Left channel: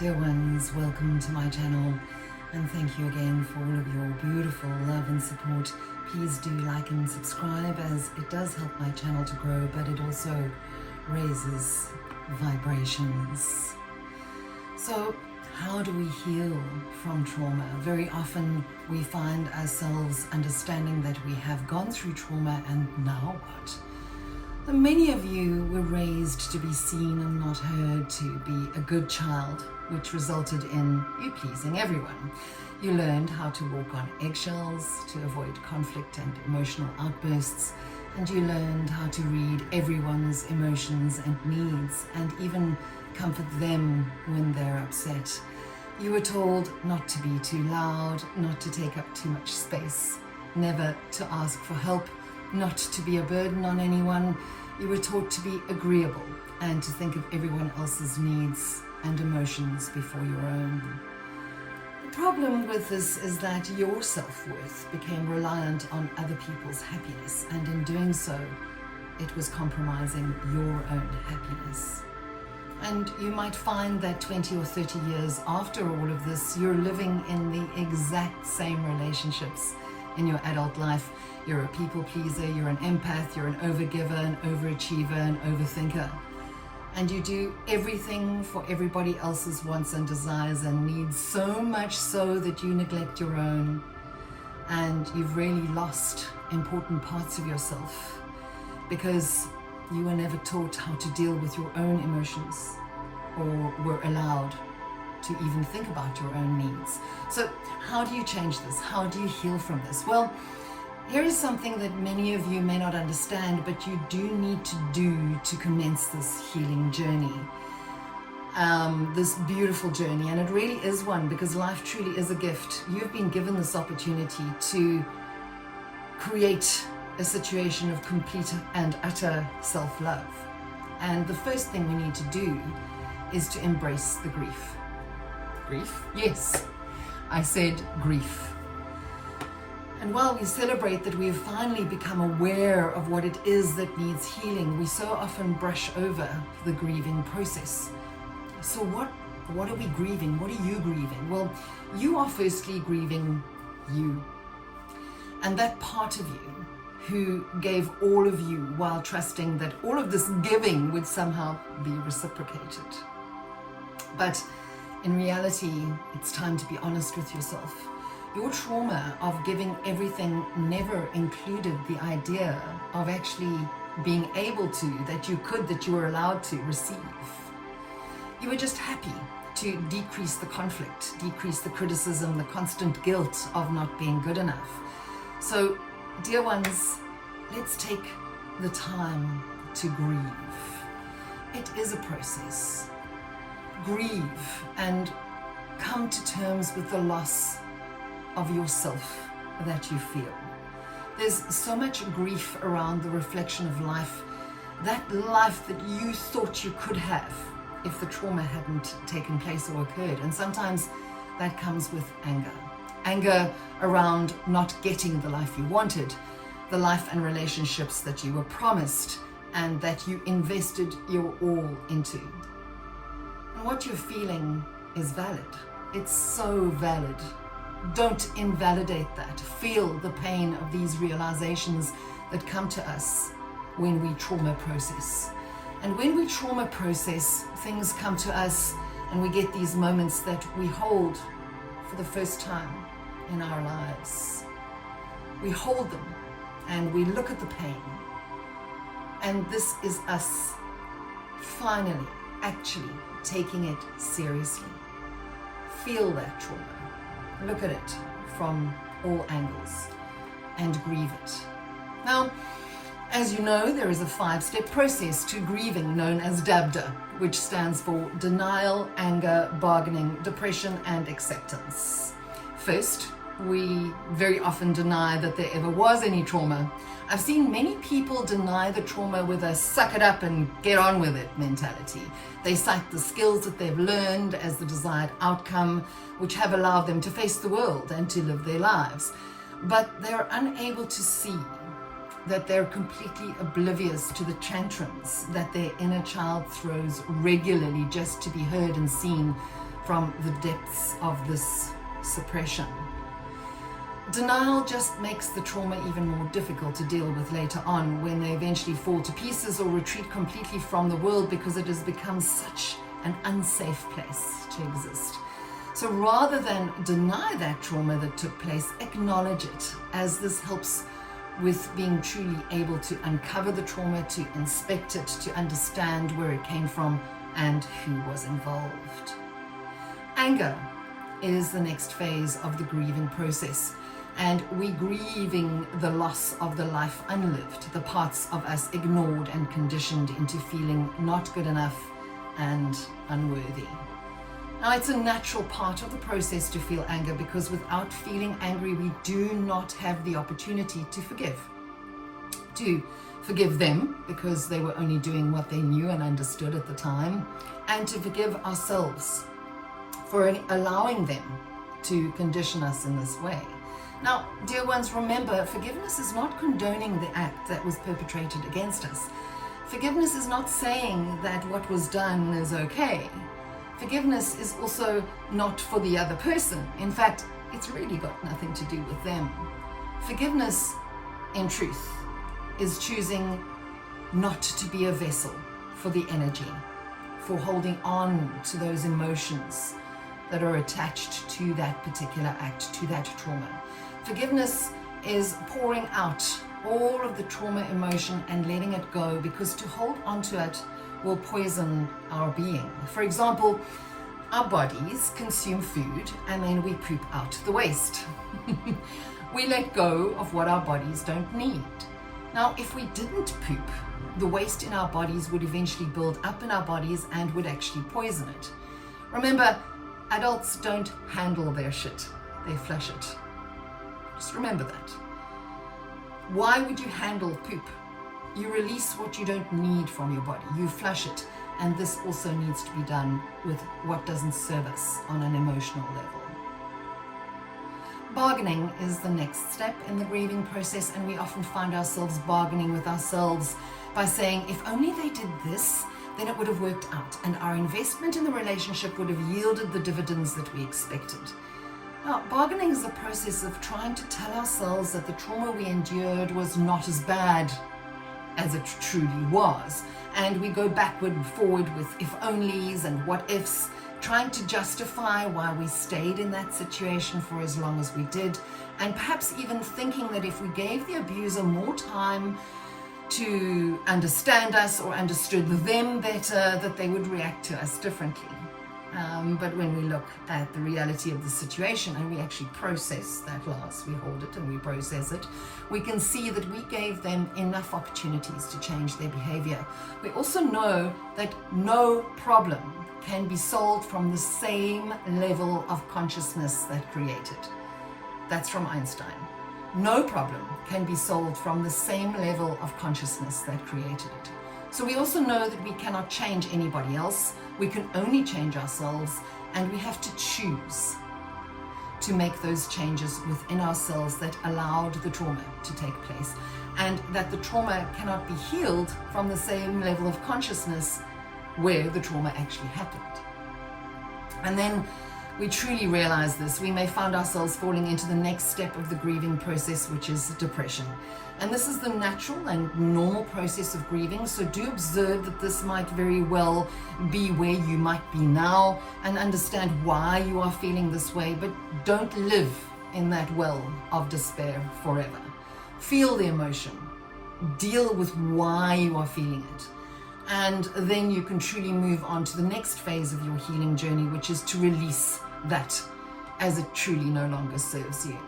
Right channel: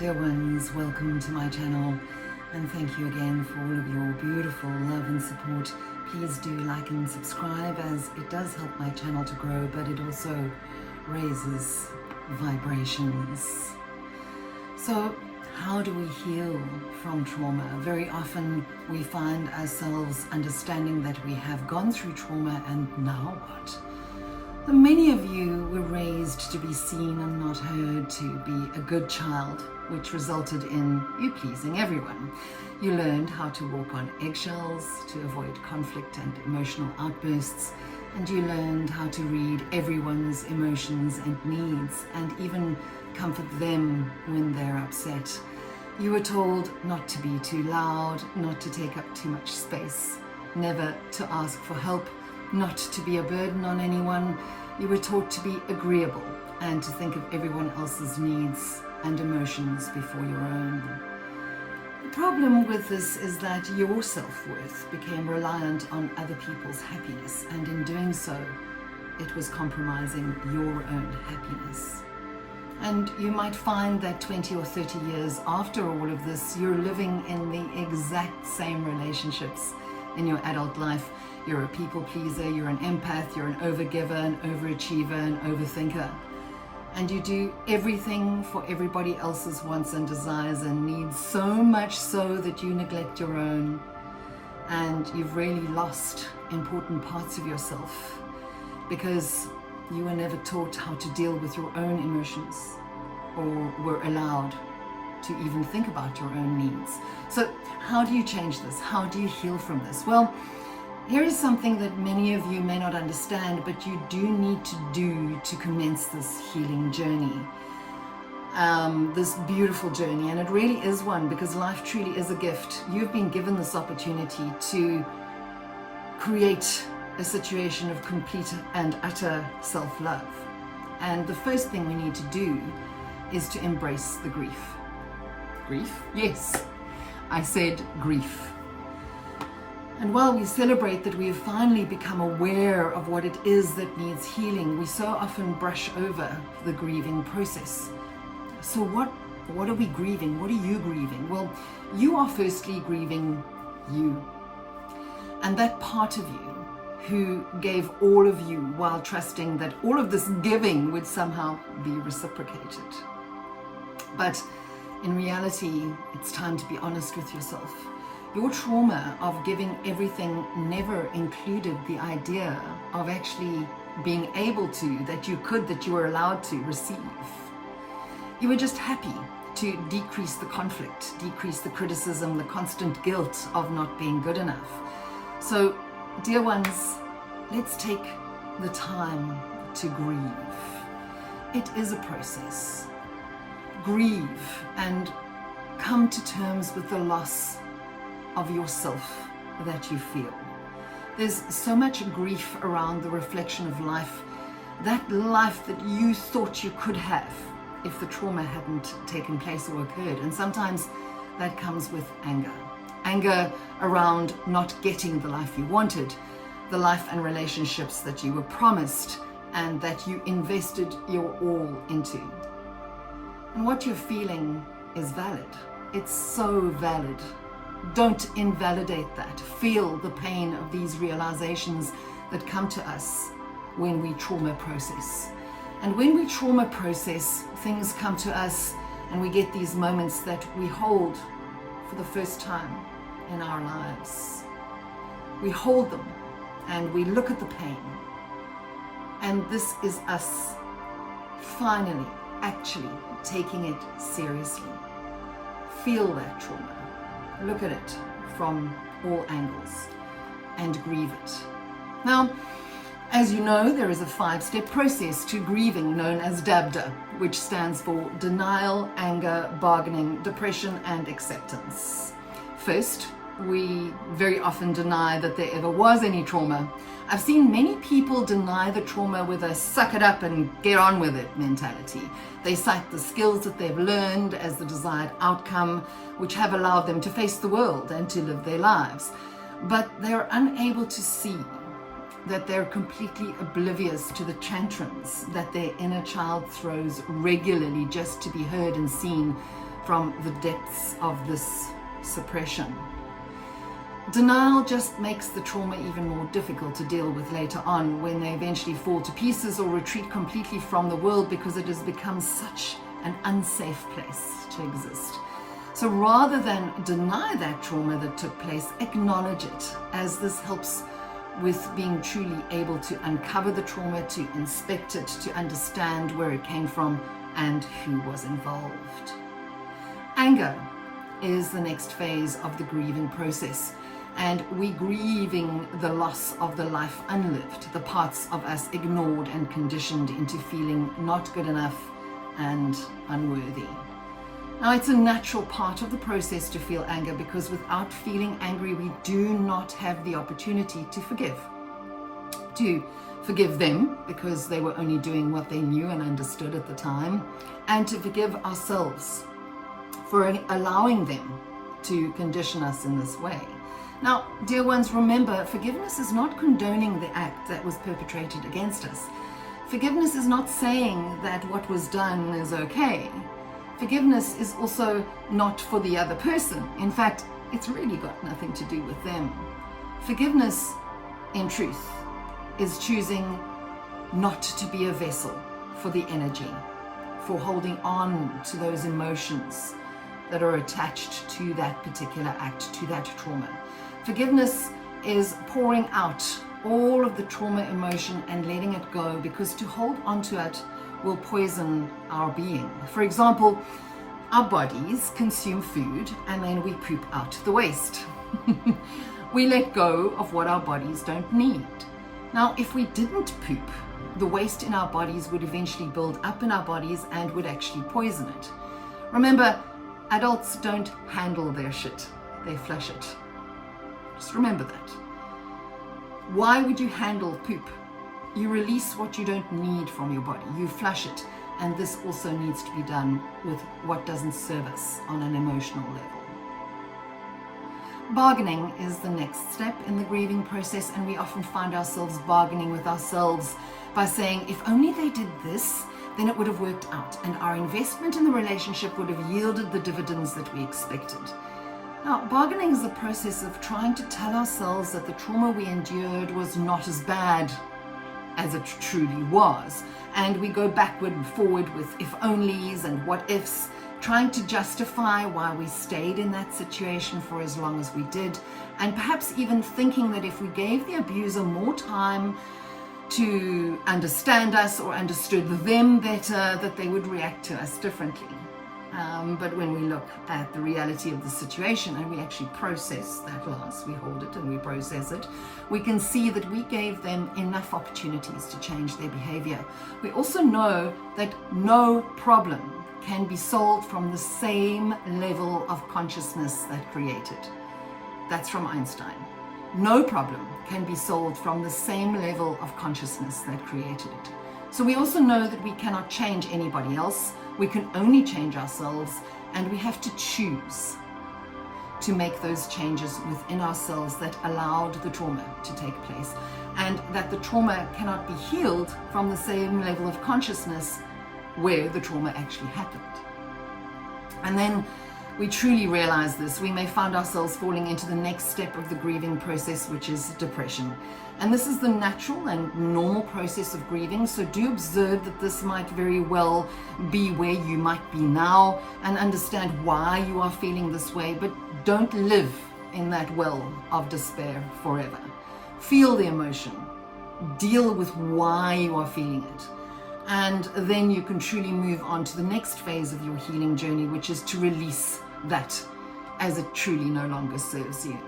Dear ones, welcome to my channel and thank you again for all of your beautiful love and support. Please do like and subscribe as it does help my channel to grow, but it also raises vibrations. So how do we heal from trauma? Very often we find ourselves understanding that we have gone through trauma and now what? Many of you were raised to be seen and not heard, to be a good child, which resulted in you pleasing everyone. You learned how to walk on eggshells to avoid conflict and emotional outbursts, and you learned how to read everyone's emotions and needs and even comfort them when they're upset. You were told not to be too loud, not to take up too much space, never to ask for help, not to be a burden on anyone. You were taught to be agreeable and to think of everyone else's needs and emotions before your own. The problem with this is that your self-worth became reliant on other people's happiness, and in doing so, it was compromising your own happiness. And you might find that 20 or 30 years after all of this, you're living in the exact same relationships in your adult life. You're a people pleaser, you're an empath, you're an overgiver, an overachiever, an overthinker. And you do everything for everybody else's wants and desires and needs, so much so that you neglect your own. And you've really lost important parts of yourself because you were never taught how to deal with your own emotions or were allowed to even think about your own needs. So how do you change this? How do you heal from this? Well, here is something that many of you may not understand, but you do need to do to commence this healing journey. This beautiful journey, and it really is one because life truly is a gift. You've been given this opportunity to create a situation of complete and utter self-love. And the first thing we need to do is to embrace the grief. Grief? Yes, I said grief. And while we celebrate that we have finally become aware of what it is that needs healing, we so often brush over the grieving process. So what are we grieving? What are you grieving? Well, you are firstly grieving you. And that part of you who gave all of you while trusting that all of this giving would somehow be reciprocated. But in reality, it's time to be honest with yourself. Your trauma of giving everything never included the idea of actually being able to, that you were allowed to receive. You were just happy to decrease the conflict, decrease the criticism, the constant guilt of not being good enough. So, dear ones, let's take the time to grieve. It is a process. Grieve and come to terms with the loss of yourself that you feel. There's so much grief around the reflection of life, that life that you thought you could have if the trauma hadn't taken place or occurred. And sometimes that comes with anger. Anger around not getting the life you wanted, the life and relationships that you were promised and that you invested your all into. And what you're feeling is valid. It's so valid. Don't invalidate that. Feel the pain of these realizations that come to us when we trauma process. And when we trauma process, things come to us and we get these moments that we hold for the first time in our lives. We hold them and we look at the pain. And this is us finally, actually taking it seriously. Feel that trauma. Look at it from all angles and grieve it. Now, as you know, there is a 5-step process to grieving known as DABDA, which stands for denial, anger, bargaining, depression, and acceptance. First, we very often deny that there ever was any trauma. I've seen many people deny the trauma with a suck it up and get on with it mentality. They cite the skills that they've learned as the desired outcome, which have allowed them to face the world and to live their lives. But they're unable to see that they're completely oblivious to the tantrums that their inner child throws regularly just to be heard and seen from the depths of this suppression. Denial just makes the trauma even more difficult to deal with later on when they eventually fall to pieces or retreat completely from the world, because it has become such an unsafe place to exist. So rather than deny that trauma that took place, acknowledge it, as this helps with being truly able to uncover the trauma, to inspect it, to understand where it came from and who was involved. Anger is the next phase of the grieving process. And we're grieving the loss of the life unlived, the parts of us ignored and conditioned into feeling not good enough and unworthy. Now, it's a natural part of the process to feel anger, because without feeling angry, we do not have the opportunity to forgive. To forgive them, because they were only doing what they knew and understood at the time, and to forgive ourselves for allowing them to condition us in this way. Now, dear ones, remember, forgiveness is not condoning the act that was perpetrated against us. Forgiveness is not saying that what was done is okay. Forgiveness is also not for the other person. In fact, it's really got nothing to do with them. Forgiveness, in truth, is choosing not to be a vessel for the energy, for holding on to those emotions that are attached to that particular act, to that trauma. Forgiveness is pouring out all of the trauma emotion and letting it go, because to hold on to it will poison our being. For example, our bodies consume food and then we poop out the waste. We let go of what our bodies don't need. Now, if we didn't poop, the waste in our bodies would eventually build up in our bodies and would actually poison it. Remember, adults don't handle their shit, they flush it. Just remember that. Why would you handle poop? You release what you don't need from your body. You flush it. And this also needs to be done with what doesn't serve us on an emotional level. Bargaining is the next step in the grieving process, and we often find ourselves bargaining with ourselves by saying, if only they did this, then it would have worked out, and our investment in the relationship would have yielded the dividends that we expected. Now, bargaining is the process of trying to tell ourselves that the trauma we endured was not as bad as it truly was. And we go backward and forward with if-onlys and what-ifs, trying to justify why we stayed in that situation for as long as we did, and perhaps even thinking that if we gave the abuser more time to understand us or understood them better, that they would react to us differently. But when we look at the reality of the situation and we actually process that loss, we hold it and we process it, we can see that we gave them enough opportunities to change their behavior. We also know that no problem can be solved from the same level of consciousness that created. That's from Einstein. No problem can be solved from the same level of consciousness that created it. So we also know that we cannot change anybody else. We can only change ourselves, and we have to choose to make those changes within ourselves that allowed the trauma to take place, and that the trauma cannot be healed from the same level of consciousness where the trauma actually happened. And then we truly realize this, we may find ourselves falling into the next step of the grieving process, which is depression. And this is the natural and normal process of grieving, so do observe that this might very well be where you might be now, and understand why you are feeling this way, but don't live in that well of despair forever. Feel the emotion, deal with why you are feeling it, and then you can truly move on to the next phase of your healing journey, which is to release that as it truly no longer serves you.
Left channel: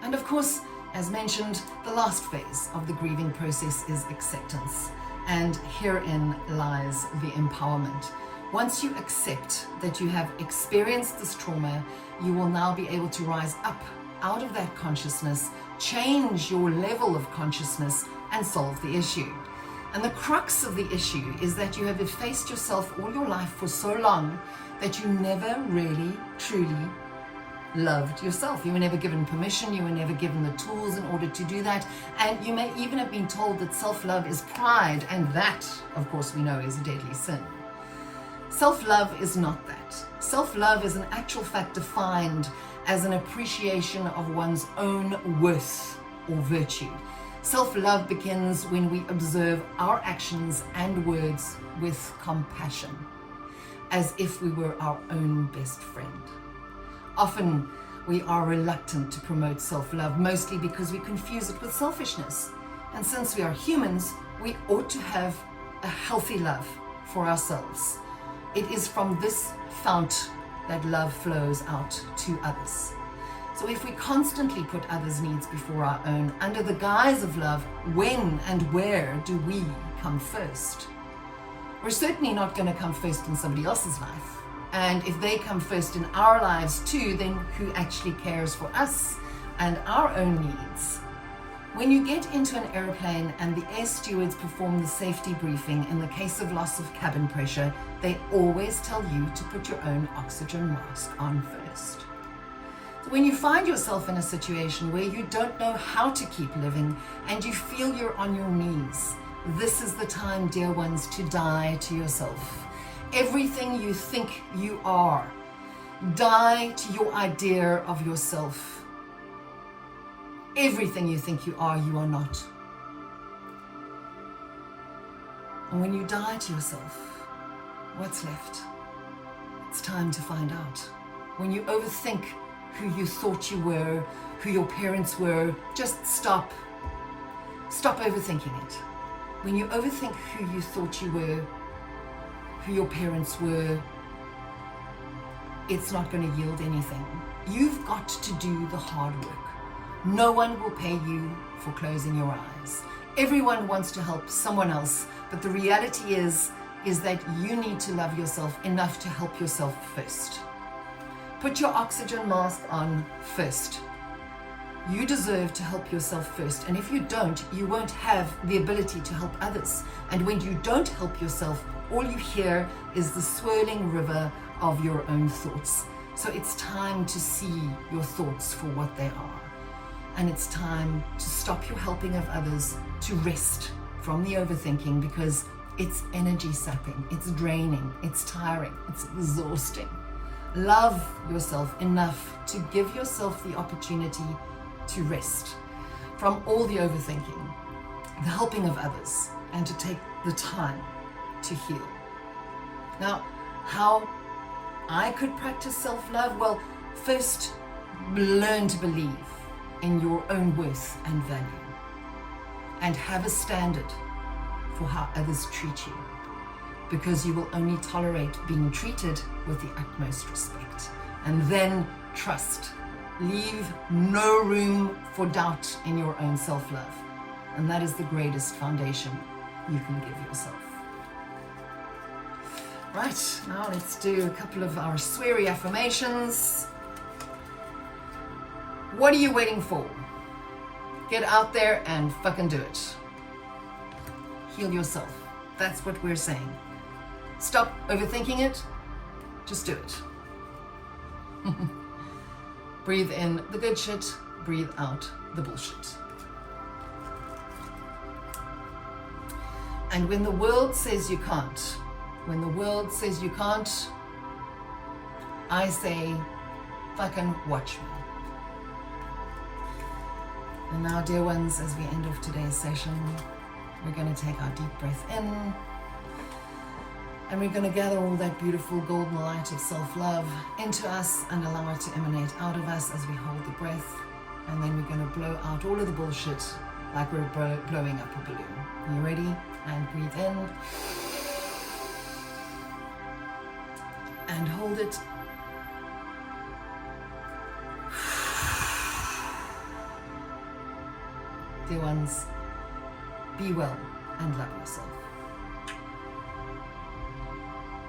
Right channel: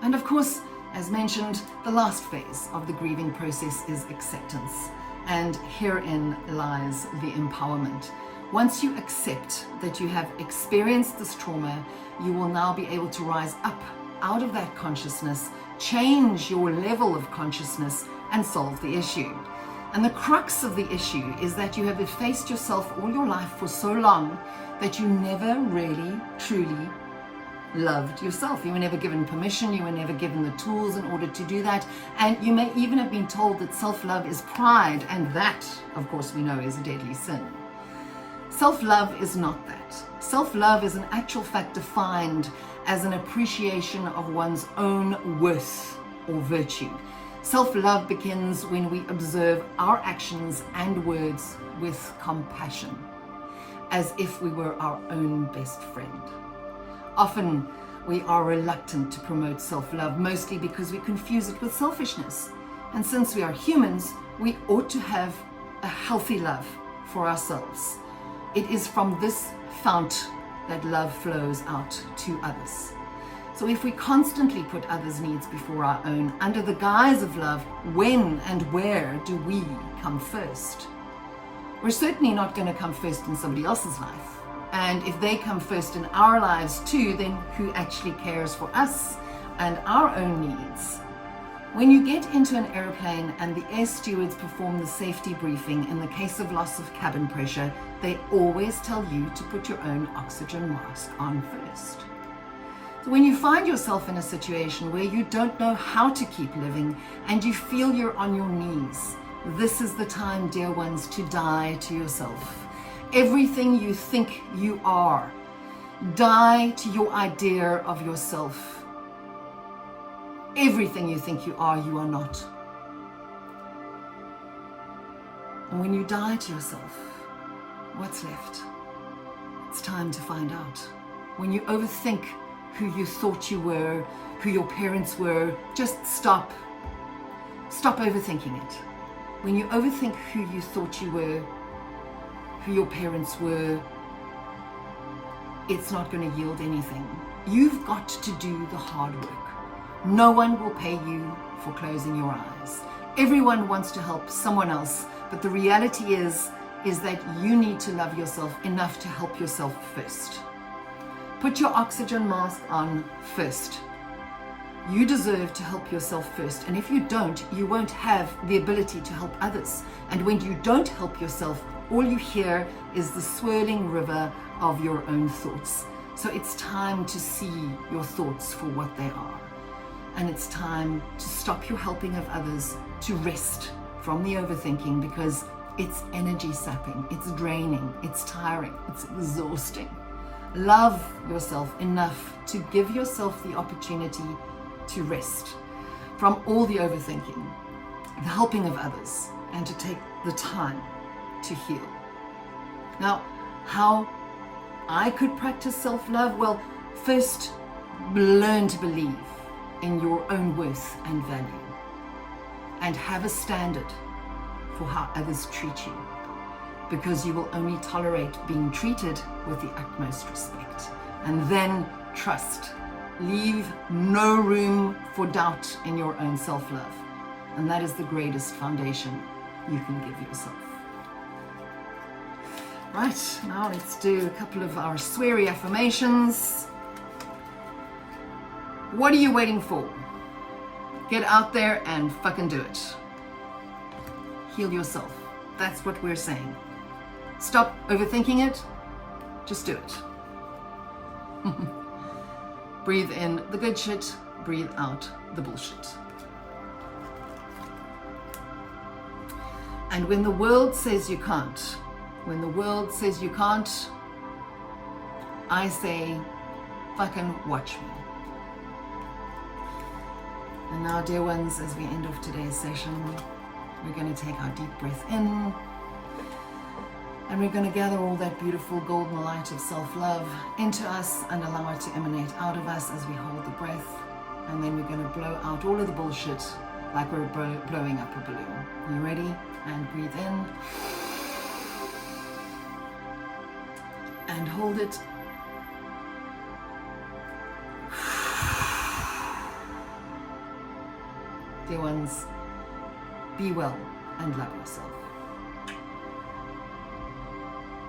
And of course, as mentioned, the last phase of the grieving process is acceptance, and herein lies the empowerment. Once you accept that you have experienced this trauma, you will now be able to rise up out of that consciousness, change your level of consciousness, and solve the issue. And the crux of the issue is that you have effaced yourself all your life for so long that you never really, truly loved yourself. You were never given permission, you were never given the tools in order to do that, and you may even have been told that self-love is pride, and that, of course, we know is a deadly sin. Self-love is not that. Self-love is in actual fact defined as an appreciation of one's own worth or virtue. Self-love begins when we observe our actions and words with compassion, as if we were our own best friend. Often we are reluctant to promote self-love, mostly because we confuse it with selfishness. And since we are humans, we ought to have a healthy love for ourselves. It is from this fount that love flows out to others. So if we constantly put others' needs before our own under the guise of love, when and where do we come first? We're certainly not going to come first in somebody else's life. And if they come first in our lives too, then who actually cares for us and our own needs? When you get into an airplane and the air stewards perform the safety briefing in the case of loss of cabin pressure, they always tell you to put your own oxygen mask on first. So when you find yourself in a situation where you don't know how to keep living and you feel you're on your knees, this is the time, dear ones, to die to yourself. Everything you think you are, die to your idea of yourself. Everything you think you are not. And when you die to yourself, what's left? It's time to find out. When you overthink who you thought you were, who your parents were, just stop. Stop overthinking it. When you overthink who you thought you were, who your parents were, it's not going to yield anything. You've got to do the hard work. No one will pay you for closing your eyes. Everyone wants to help someone else, but the reality is that you need to love yourself enough to help yourself first. Put your oxygen mask on first. You deserve to help yourself first, and if you don't, you won't have the ability to help others. And when you don't help yourself, all you hear is the swirling river of your own thoughts. So it's time to see your thoughts for what they are. And it's time to stop your helping of others, to rest from the overthinking, because it's energy sapping, it's draining, it's tiring, it's exhausting. Love yourself enough to give yourself the opportunity to rest from all the overthinking, the helping of others, and to take the time to heal. Now, how I could practice self-love? Well, first, learn to believe in your own worth and value, and have a standard for how others treat you, because you will only tolerate being treated with the utmost respect. And then trust. Leave no room for doubt in your own self-love. And that is the greatest foundation you can give yourself. Right, now let's do a couple of our sweary affirmations. What are you waiting for? Get out there and fucking do it. Heal yourself. That's what we're saying. Stop overthinking it. Just do it. Breathe in the good shit. Breathe out the bullshit. And when the world says you can't, when the world says you can't, I say, fucking watch me. And now, dear ones, as we end off today's session, we're going to take our deep breath in, and we're going to gather all that beautiful golden light of self-love into us and allow it to emanate out of us as we hold the breath. And then we're going to blow out all of the bullshit like we're blowing up a balloon. You ready? And breathe in. And hold it. Dear ones, be well and love yourself.